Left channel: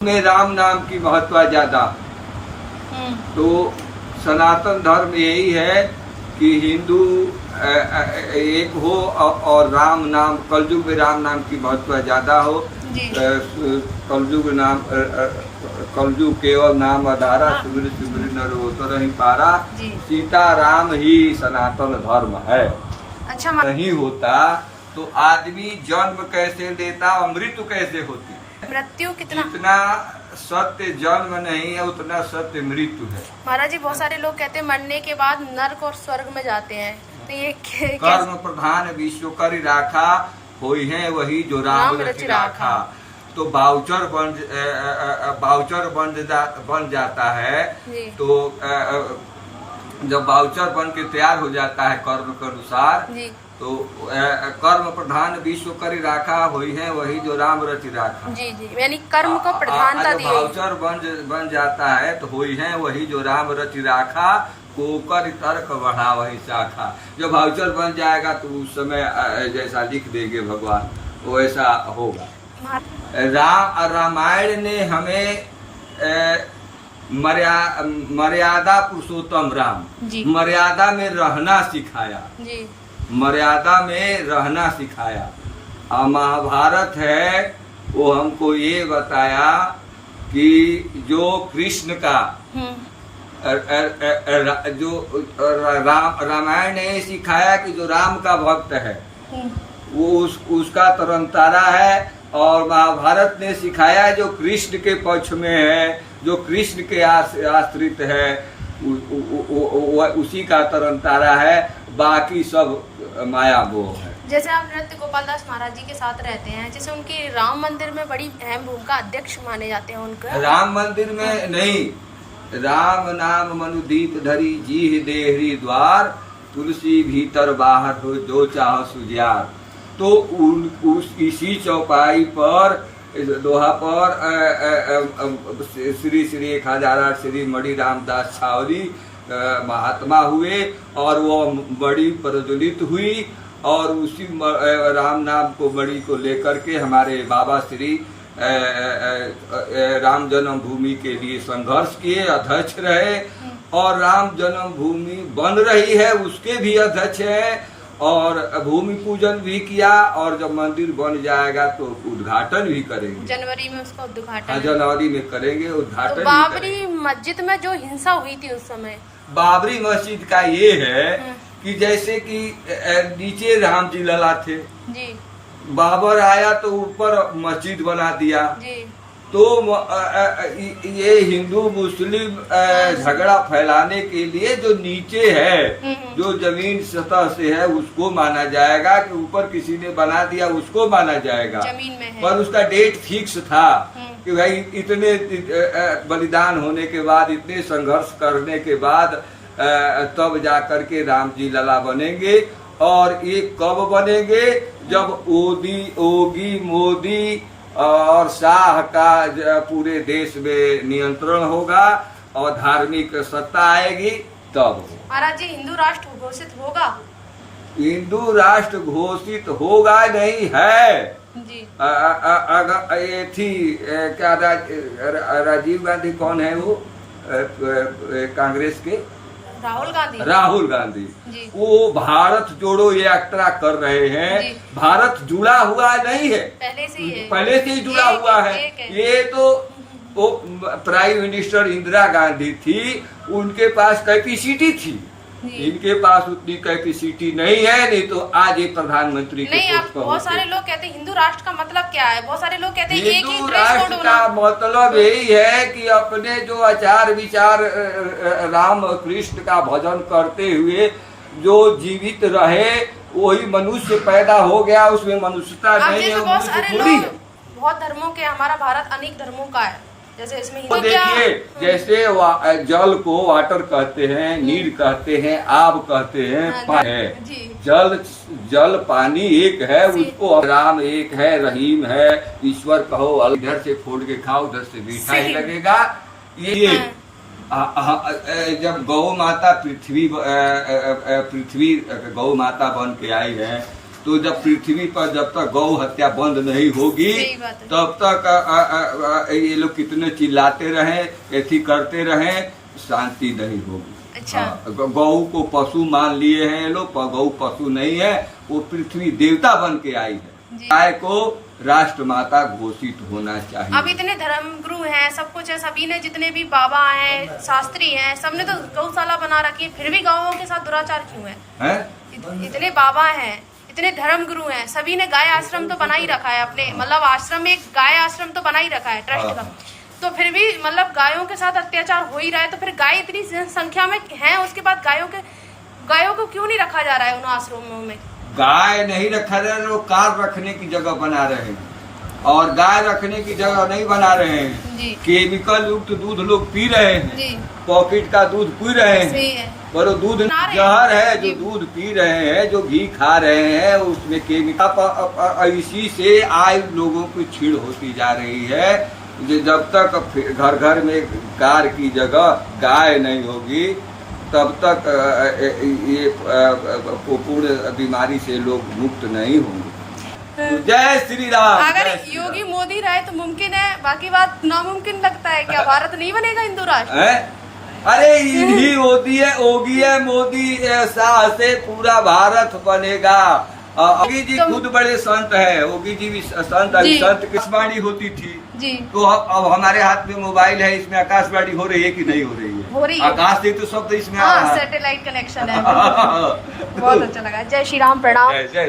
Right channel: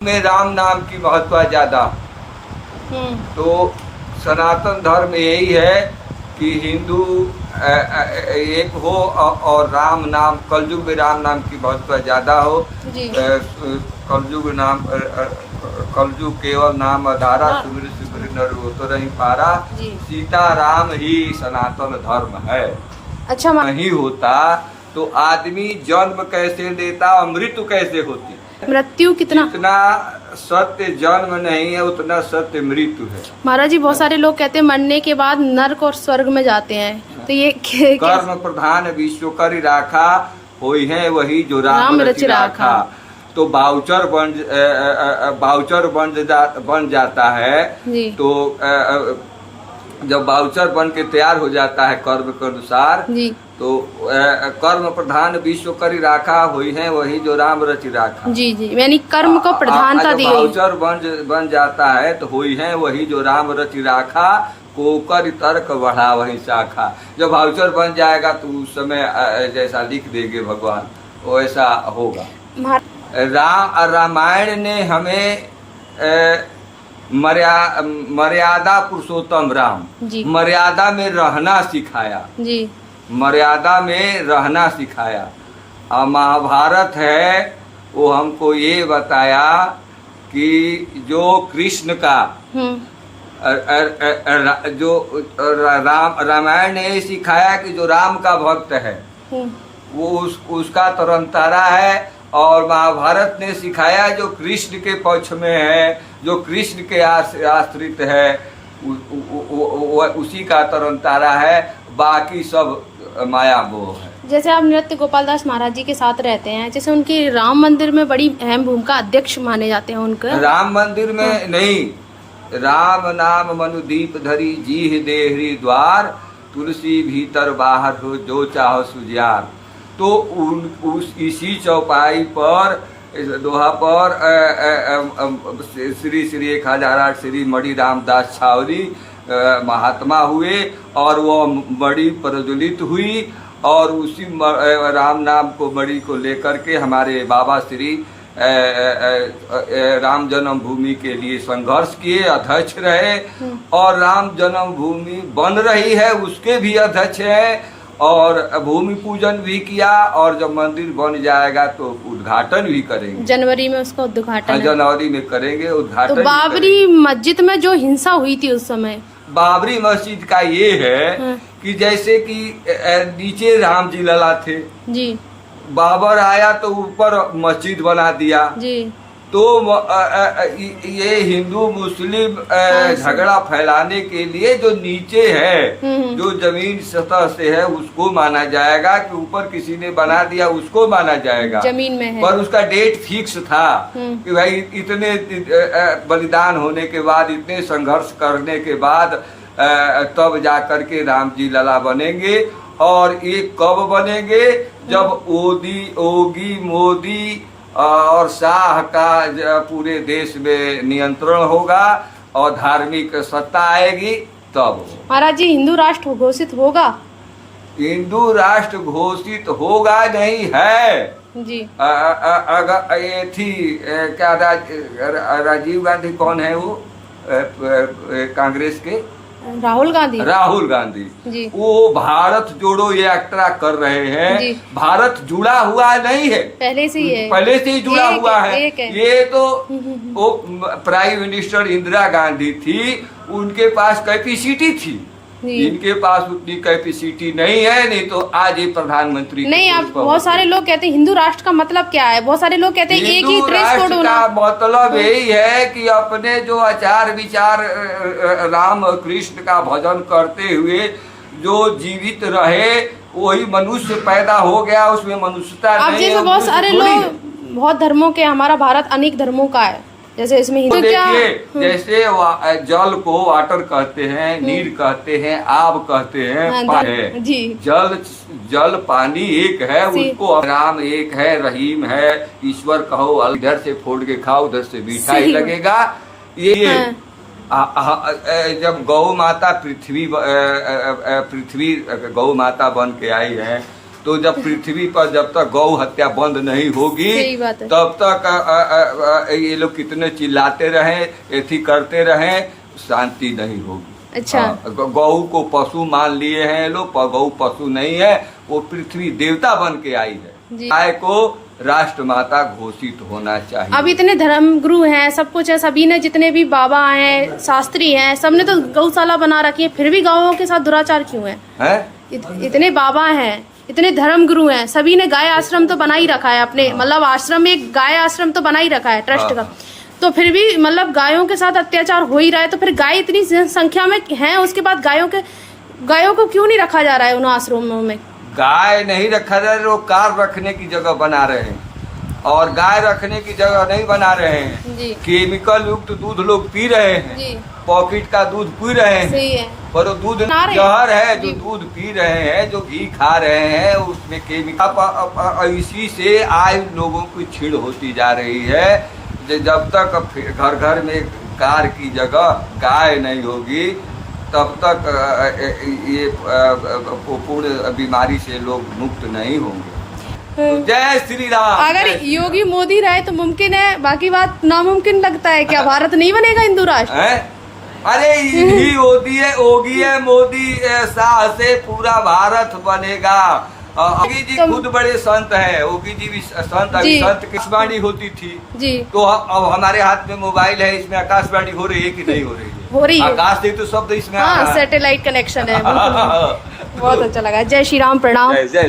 में राम नाम की महत्व ज्यादा। तो सनातन धर्म यही है कि हिंदू एक हो और राम नाम, कलयुग में राम नाम की महत्व ज्यादा हो। कलयुग नाम, कलयुग केवल नाम आधारा, सुमिर सिमरि नर होत नहीं पारा। सीता राम ही सनातन धर्म है। अच्छा, नहीं होता तो आदमी जन्म कैसे लेता और मृत्यु कैसे होती। मृत्यु जितना सत्य जन्म नहीं है उतना सत्य मृत्यु है। महाराज जी, बहुत सारे लोग कहते हैं मरने के बाद नर्क और स्वर्ग में जाते हैं, तो ये कर्म प्रधान विश्व कर राखा, होई है वही जो राम रच राखा। तो बाउचर बन जाता है। तो जब बाउचर बन के तैयार हो जाता है कर्म के अनुसार, तो कर्म प्रधान विश्व करी राखा, हुई है वही जो राम रच राखा। जी जी, यानी कर्म को प्रधानता दी। बाउचर बन जाता है तो हुई है वही जो राम रच राखा, कोकर तर्क बढ़ा वही शाखा। जब बाउचर बन जाएगा तो उस समय जैसा लिख देंगे भगवान वो ऐसा होगा। रामायण ने हमें मर्यादा पुरुषोत्तम राम मर्यादा में रहना सिखाया। मर्यादा में रहना सिखाया। और महाभारत है वो हमको ये बताया कि जो कृष्ण का जो रामायण ने ये सिखाया कि जो राम का भक्त है वो उसका तरन तारा है। और महाभारत ने सिखाया जो कृष्ण के पक्ष में है, जो कृष्ण के आश्रित है, उसी का तरन तारा है, बाकी सब माया मोह है। जैसे आप नृत्य गोपाल दास महाराज जी के साथ रहते हैं, जैसे उनकी राम मंदिर में बड़ी अहम भूमिका, अध्यक्ष माने जाते हैं उनके। राम मंदिर में नहीं, राम नाम मनुदीप धरी जीह देहरी द्वार, तुलसी भीतर बाहर हो जो चाहो सुजियार। तो इसी चौपाई पर दोहा पर श्री 1008 श्री मणि रामदास छावरी महात्मा हुए और वो मणि प्रज्वलित हुई और उसी राम नाम को मणि को लेकर के हमारे बाबा श्री राम जन्मभूमि के लिए संघर्ष किए, अध्यक्ष रहे। और राम जन्मभूमि बन रही है उसके भी अध्यक्ष है और भूमि पूजन भी किया। और जब मंदिर बन जाएगा तो उद्घाटन भी करेंगे। जनवरी में उसका उद्घाटन जनवरी में करेंगे उद्घाटन। तो बाबरी मस्जिद में जो हिंसा हुई थी उस समय, बाबरी मस्जिद का ये है कि जैसे कि नीचे राम जी लला थे जी, बाबर आया तो ऊपर मस्जिद बना दिया जी। तो ये हिंदू मुस्लिम झगड़ा फैलाने के लिए जो नीचे है, जो जमीन सतह से है उसको माना जाएगा कि ऊपर किसी ने बना दिया उसको माना जाएगा, जमीन में है। पर उसका डेट फिक्स था कि भाई इतने बलिदान होने के बाद, इतने संघर्ष करने के बाद तब जा करके राम जी लला बनेंगे। और ये कब बनेंगे? जब योगी मोदी और शाह का पूरे देश में नियंत्रण होगा और धार्मिक सत्ता आएगी तब। महाराज जी, हिंदू राष्ट्र घोषित होगा? हिंदू राष्ट्र घोषित होगा नहीं है जी। अगर ये थी क्या राजीव गांधी कौन है वो कांग्रेस के? राहुल गांधी जी। वो भारत जोड़ो यात्रा कर रहे हैं। भारत जुड़ा हुआ नहीं है, पहले से ही जुड़ा हुआ है। ये तो वो प्राइम मिनिस्टर इंदिरा गांधी थी, उनके पास कैपेसिटी थी, इनके पास उतनी कैपेसिटी नहीं है। नहीं तो आज ये प्रधानमंत्री नहीं। आप बहुत सारे लोग कहते हैं हिंदू राष्ट्र का मतलब क्या है? बहुत सारे लोग कहते हैं एक ही राष्ट्र का मतलब यही है कि अपने जो आचार विचार राम कृष्ण का भजन करते हुए जो जीवित रहे वही मनुष्य पैदा हो गया, उसमें मनुष्यता नहीं है। बहुत सारे लोग, बहुत धर्मों के, हमारा भारत अनेक धर्मों का है, जैसे इसमें हिंदू देखिए जैसे जल को वाटर कहते हैं, नीर कहते हैं, आब कहते हैं, जल पानी एक है, उसको राम एक है, रहीम है, ईश्वर कहो, इधर से फोड़ के खाओ उधर से मीठा ही लगेगा। ये जब गौ माता पृथ्वी गौ माता बन के आई है तो जब पृथ्वी पर जब तक गौ हत्या बंद नहीं होगी सही बात है। तब तक ये लोग कितने चिल्लाते रहे, ऐसी करते रहे, शांति नहीं होगी। अच्छा। गौ को पशु मान लिए हैं लोग, गौ पशु नहीं है, वो पृथ्वी देवता बन के आई है। जी। गाय को राष्ट्र माता घोषित होना चाहिए। अब इतने धर्म गुरु हैं, सब कुछ है, सभी ने जितने भी बाबा हैं, शास्त्री हैं, सबने तो गौशाला बना रखी है, फिर भी गायों के साथ दुराचार क्यों है? इतने बाबा हैं, इतने धर्म गुरु हैं, सभी ने गाय आश्रम तो बना ही रखा है अपने, मतलब आश्रम में एक गाय आश्रम तो बना ही रखा है ट्रस्ट का, तो फिर भी मतलब गायों के साथ अत्याचार हो ही रहा है। तो फिर गाय इतनी संख्या में है, उसके बाद गायों को क्यों नहीं रखा जा रहा है उन आश्रमों में? गाय नहीं रखा जा रहा, वो कार रखने की जगह बना रहे हैं, और गाय रखने की जगह नहीं बना रहे हैं जी। केमिकल युक्त दूध लोग पी रहे हैं जी। पॉकेट का दूध पी रहे हैं। सही है। पर वो दूध जहर है, जो जी। दूध पी रहे हैं, जो घी खा रहे हैं, उसमें केमिकल, इसी से आय लोगों की छीड़ होती जा रही है। जब तक घर घर में कार की जगह गाय नहीं होगी तब तक ये पूर्ण बीमारी से लोग मुक्त नहीं होंगे। तो जय श्री राम। अगर योगी मोदी रहे तो मुमकिन है, बाकी बात नामुमकिन लगता है। क्या भारत नहीं बनेगा हिंदू राष्ट्र? अरे इन्हीं योगी है मोदी शाह से पूरा भारत बनेगा। योगी जी खुद बड़े संत है, योगी जी भी संत आकाशवाणी होती थी जी। तो अब हमारे हाथ में मोबाइल है, इसमें आकाशवाणी हो रही है कि नहीं हो रही है? हो रही है। आकाश से तो शब्द इसमें आ रहा है, सैटेलाइट कनेक्शन है। बहुत अच्छा लगा। जय श्री राम, प्रणाम। जय जय।